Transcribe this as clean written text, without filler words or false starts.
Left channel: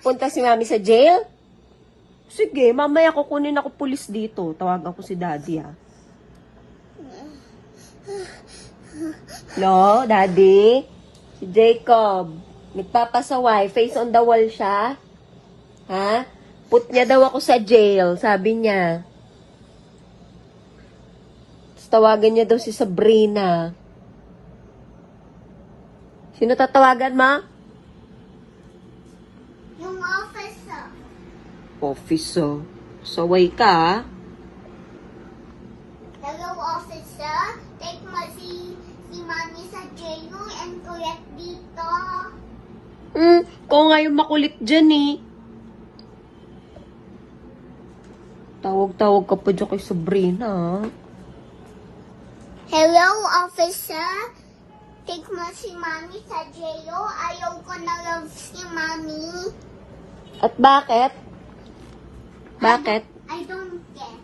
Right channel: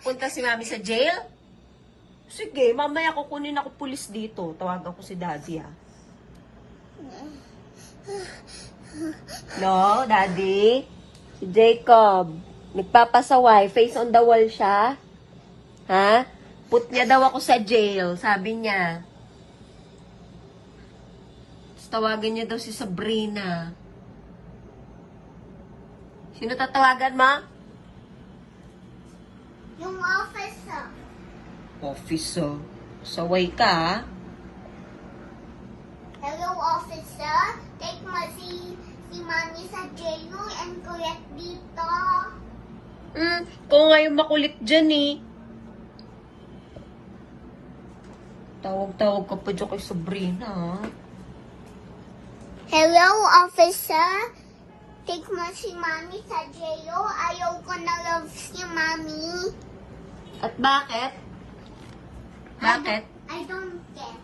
punta si mami sa jail? Sige, mamaya kukunin ako pulis dito. Tawag ako si daddy, ha? No, daddy? Si Jacob. Nagpapasaway. Face on the wall siya. Ha? Put niya daw ako sa jail, sabi niya. Tapos tawagan niya daw si Sabrina. Sino tatawagan, ma? Yung officer. Officer. Saway ka, ha? Hello, officer. Take mo si Mami sa jail and kuya dito. Ikaw nga yung makulit dyan, eh. Tawag-tawag ka pa dyan kay Sabrina, ha? Hello, officer. Take mo si Mami sa jail. Ayaw ko na love si Mami. At bakit? Bakit? I don't care.